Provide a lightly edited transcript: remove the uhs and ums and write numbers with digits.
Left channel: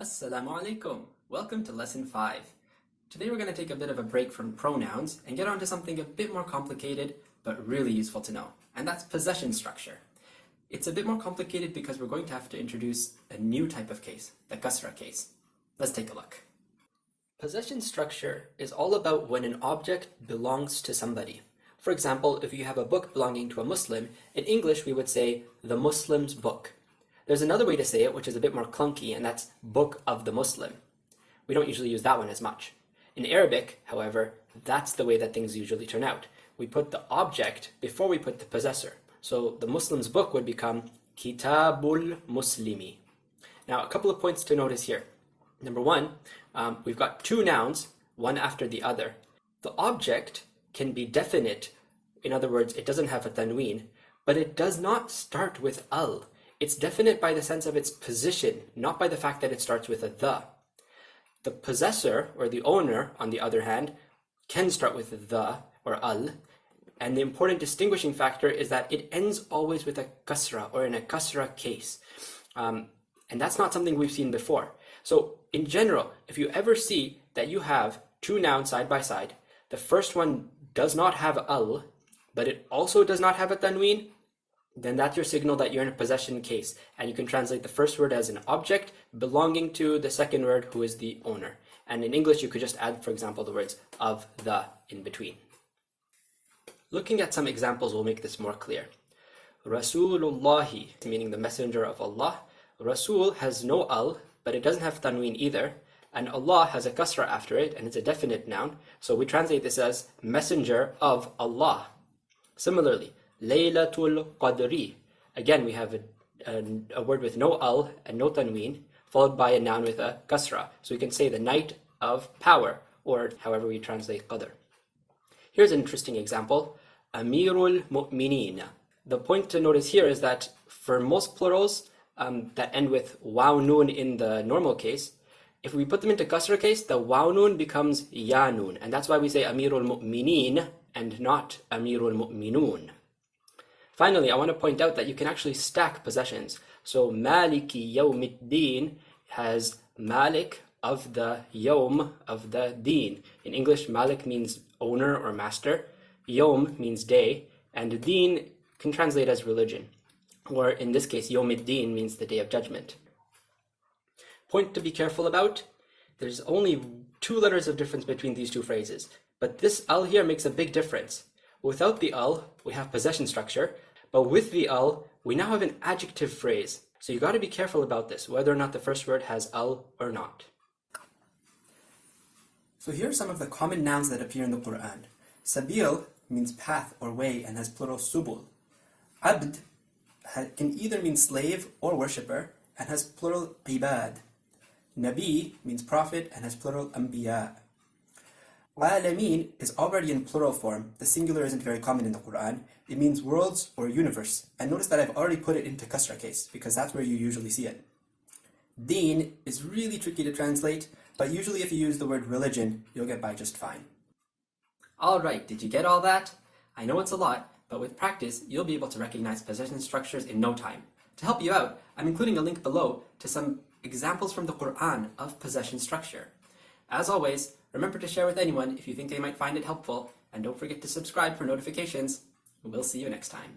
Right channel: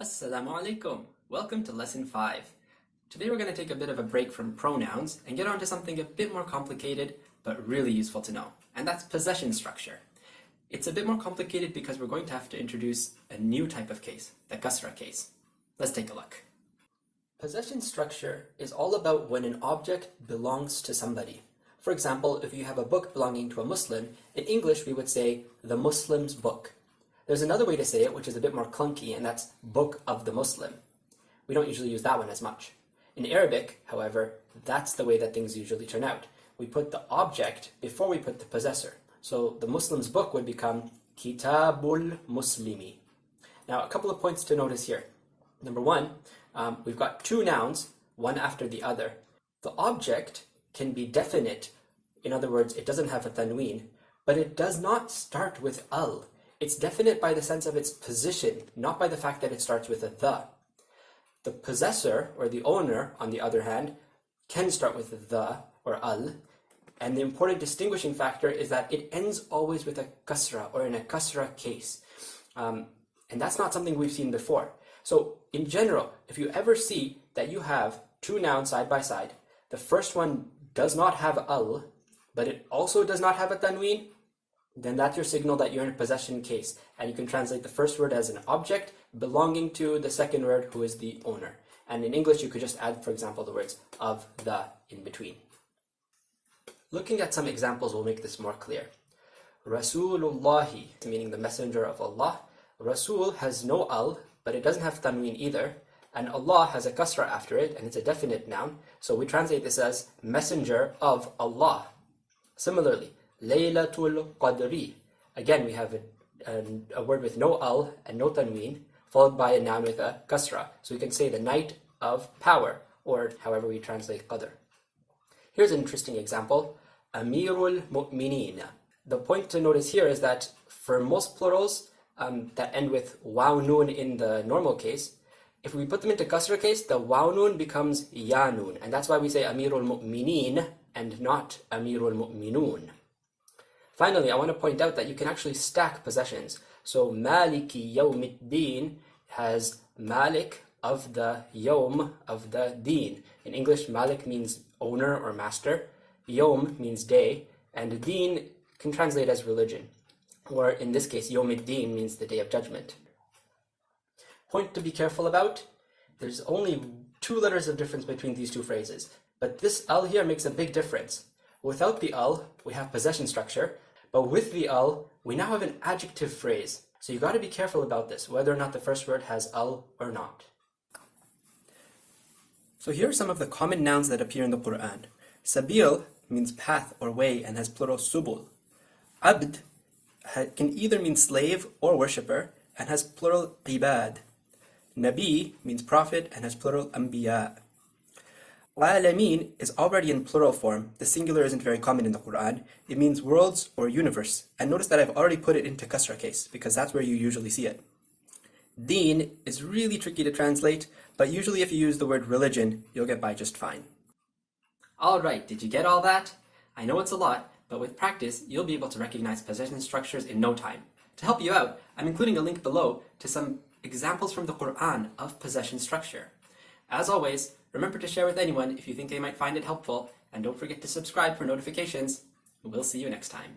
Assalamu alaikum. Welcome to lesson 5. Today we're going to take a bit of a break from pronouns and get on to something a bit more complicated but really useful to know, and that's possession structure. It's a bit more complicated because we're going to have to introduce a new type of case, the kasrah-case. Let's take a look. Possession structure is all about when an object belongs to somebody. For example, if you have a book belonging to a Muslim, in English we would say the Muslim's book. There's another way to say it which is a bit more clunky, and that's book of the Muslim. We don't usually use that one as much. In Arabic, however, that's the way that things usually turn out. We put the object before we put the possessor. So the Muslim's book would become Kitabul Muslimi. Now, a couple of points to notice here. Number one, we've got two nouns, one after the other. The object can be definite. In other words, it doesn't have a tanween, but it does not start with al. It's definite by the sense of its position, not by the fact that it starts with a the. The possessor, or the owner, on the other hand, can start with the, or al, and the important distinguishing factor is that it ends always with a kasrah, or in a kasrah-case. And that's not something we've seen before. So, in general, if you ever see that you have two nouns side by side, the first one does not have al, but it also does not have a tanween, then that's your signal that you're in a possession case, and you can translate the first word as an object belonging to the second word, who is the owner. And in English, you could just add, for example, the words of, the in between. Looking at some examples will make this more clear. Rasulullahi, meaning the messenger of Allah. Rasul has no al, but it doesn't have tanween either, and Allah has a kasrah after it, and it's a definite noun, so we translate this as messenger of Allah. Similarly, Laylatul Qadri. Again, we have a word with no al and no tanween, followed by a noun with a kasrah. So we can say the night of power, or however we translate qadr. Here's an interesting example. Amirul Mu'mineen. The point to notice here is that for most plurals that end with waw noon in the normal case, if we put them into kasrah case, the waw noon becomes ya noon. And that's why we say Amirul Mu'mineen and not Amirul Mu'minoon. Finally, I want to point out that you can actually stack possessions. So Maliki Yawmiddin has Malik of the Yawm of the Deen. In English, Malik means owner or master, Yawm means day, and Deen can translate as religion. Or in this case, Yawmiddin means the day of judgment. Point to be careful about, there's only two letters of difference between these two phrases, but this al here makes a big difference. Without the al, we have possession structure, but with the al, we now have an adjective phrase. So you've got to be careful about this, whether or not the first word has al or not. So here are some of the common nouns that appear in the Qur'an. Sabil means path or way and has plural subul. Abd can either mean slave or worshipper and has plural ibad. Nabi means prophet and has plural anbiya. Alameen is already in plural form. The singular isn't very common in the Qur'an. It means worlds or universe. And notice that I've already put it into kasrah case because that's where you usually see it. Deen is really tricky to translate, but usually if you use the word religion, you'll get by just fine. Alright, did you get all that? I know it's a lot, but with practice, you'll be able to recognize possession structures in no time. To help you out, I'm including a link below to some examples from the Qur'an of possession structure. As always, remember to share with anyone if you think they might find it helpful, and don't forget to subscribe for notifications. We'll see you next time.